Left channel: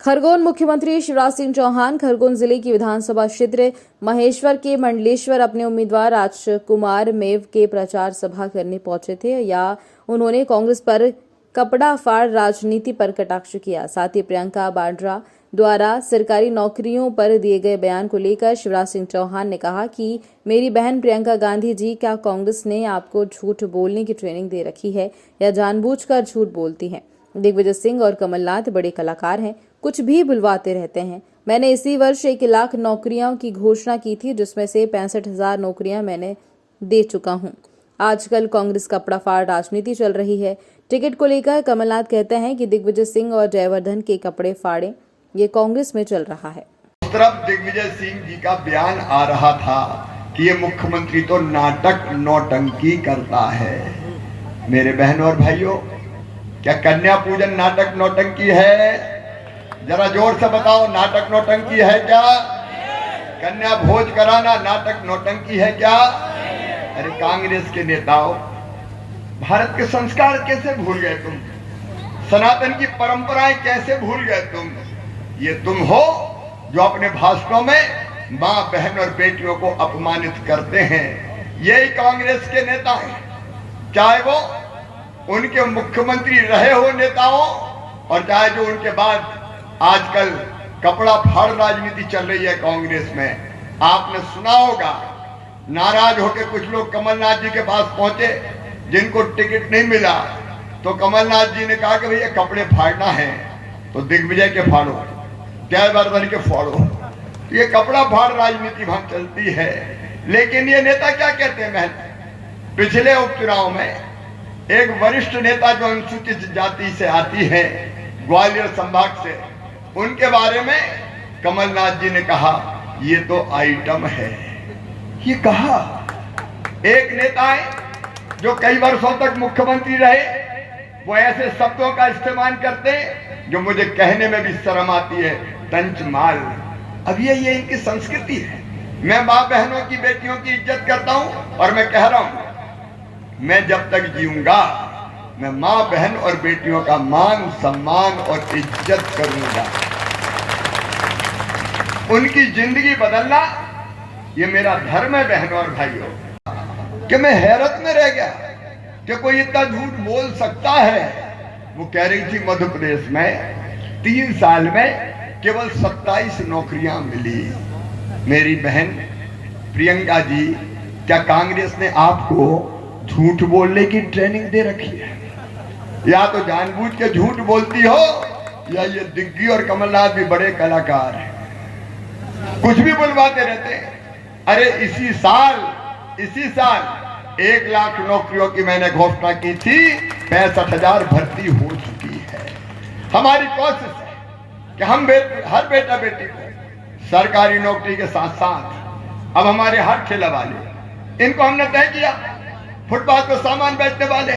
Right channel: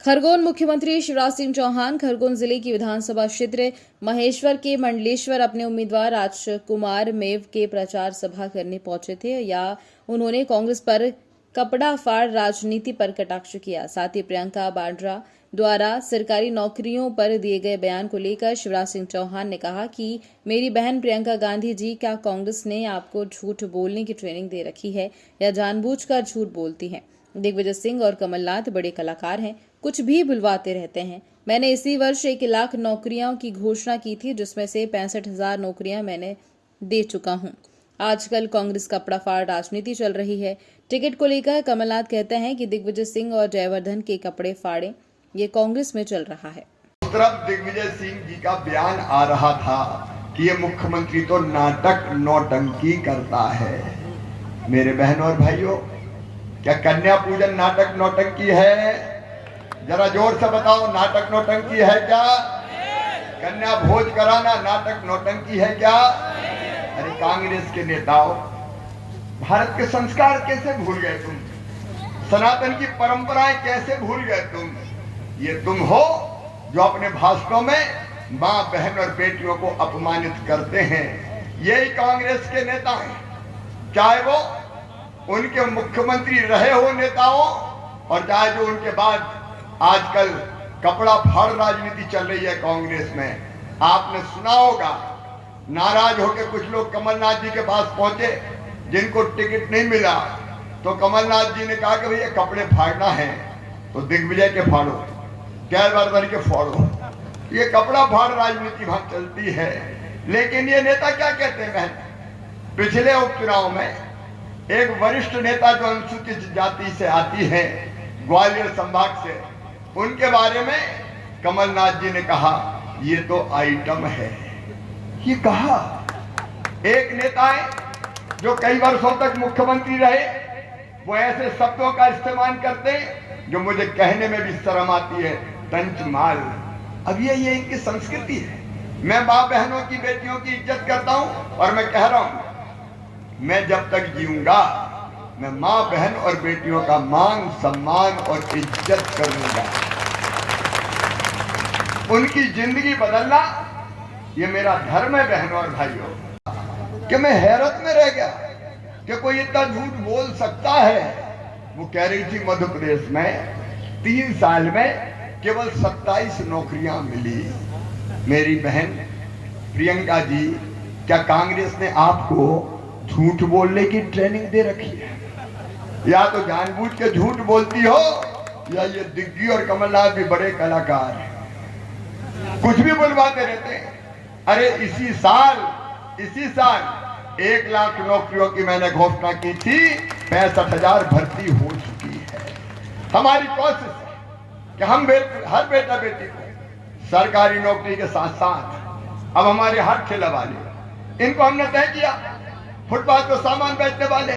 खरगोन मुख्यमंत्री शिवराज सिंह चौहान खरगोन जिले की विधानसभा क्षेत्र महेश्वर के मंडलेश्वर अपने उम्मीदवार राजकुमार मेव के प्रचार सभा करने पहुंचे थे। या उन्होंने कांग्रेस पर कपड़ा फाड़ राजनीति पर कटाक्ष किया। साथ ही प्रियंका वाड्रा द्वारा सरकारी नौकरियों पर दिए गए बयान को लेकर शिवराज सिंह चौहान ने कहा कि मेरी बहन प्रियंका गांधी जी, क्या कांग्रेस ने आपको झूठ बोलने की ट्रेनिंग दे रखी है या जानबूझकर झूठ बोलती हैं? दिग्विजय सिंह और कमलनाथ बड़े कलाकार हैं, कुछ भी बुलवाते रहते हैं। मैंने इसी वर्ष 1 लाख नौकरियों की घोषणा की थी, जिसमें से 65,000 नौकरियां मैंने दे चुका हूं। आजकल कांग्रेस कपड़ा फाड़ राजनीति चल रही है। टिकट को लेकर कमलनाथ कहते हैं कि दिग्विजय सिंह और जयवर्धन के कपड़े फाड़े, ये कांग्रेस में चल रहा है। इस तरफ दिग्विजय सिंह जी का बयान आ रहा था कि ये मुख्यमंत्री तो नाटक नौटंकी करता है। मेरे बहनों और भाइयों, क्या कन्या पूजन नाटक नौटंकी है? जरा जोर से बताओ, नाटक नौटंकी है क्या? कन्या भोज कराना नाटक नौटंकी है क्या? अरे कांग्रेस के नेताओं, भारत के संस्कार कैसे भूल गए तुम? सनातन की परंपराएं कैसे भूल गए तुम? ये तुम हो जो अपने भाषणों में मां, बहन और बेटियों को अपमानित करते हैं। यही कांग्रेस के नेता हैं, चाहे वो उनके मुख्यमंत्री रहे हो नेताओं, और चाहे जो उनके बाद आजकल कपड़ा फाड़ राजनीति चल रही है कांग्रेस में। आपने सुना होगा, नाराज होकर कुछ लोग कमलनाथ जी के पास पहुंचे, जिनको टिकट नहीं मिला, तो कमलनाथ जी ने कहा कि भैया कपड़े फाड़ना है तो दिग्विजय के फाड़ो, जयवर्धन के फाड़ो। ये कपड़ा फाड़ राजनीति वहां चलती है। लेकिन ये नेता क्या कहते हैं? पिछले उपचुनाव में एक वरिष्ठ नेता जो अनुसूचित जाति से आती है, ग्वालियर संभाग से, उनके बारे में कमलनाथ जी ने कहा ये तो आइटम है। ये कहा एक नेता है जो कई वर्षों तक मुख्यमंत्री रहे, वो ऐसे शब्दों का इस्तेमाल करते जो मुझे कहने में भी शर्म आती है, तंचमाल। अब ये इनकी संस्कृति है। मैं मां बहनों की, बेटियों की इज्जत करता हूं, और मैं कह रहा हूं, मैं जब तक जीऊंगा मैं मां, बहन और बेटियों का मान, सम्मान और इज्जत करूंगा। उनकी जिंदगी बदलना ये मेरा धर्म है। बहनों और भाइयों, कि मैं हैरत में रह गया कि कोई इतना झूठ बोल सकता है। वो कह रही थी मध्य प्रदेश में 3 साल में केवल 27 नौकरियां मिली। मेरी बहन प्रियंका जी, क्या कांग्रेस ने आपको झूठ बोलने की ट्रेनिंग दे रखी है? या तो जानबूझ के झूठ बोलती हो, या ये दिग्गी और कमलनाथ भी बड़े कलाकार हैं, कुछ भी बुलवाते रहते हैं। अरे इसी साल 1 लाख नौकरियों की मैंने घोषणा की थी, 65,000 भर्ती हो चुकी है। हमारी कोशिश है कि हम हर बेटा बेटी को सरकारी नौकरी के साथ साथ, अब हमारे हर ठेला वाले, इनको हमने तय किया, फुटपाथ पर सामान बेचने वाले,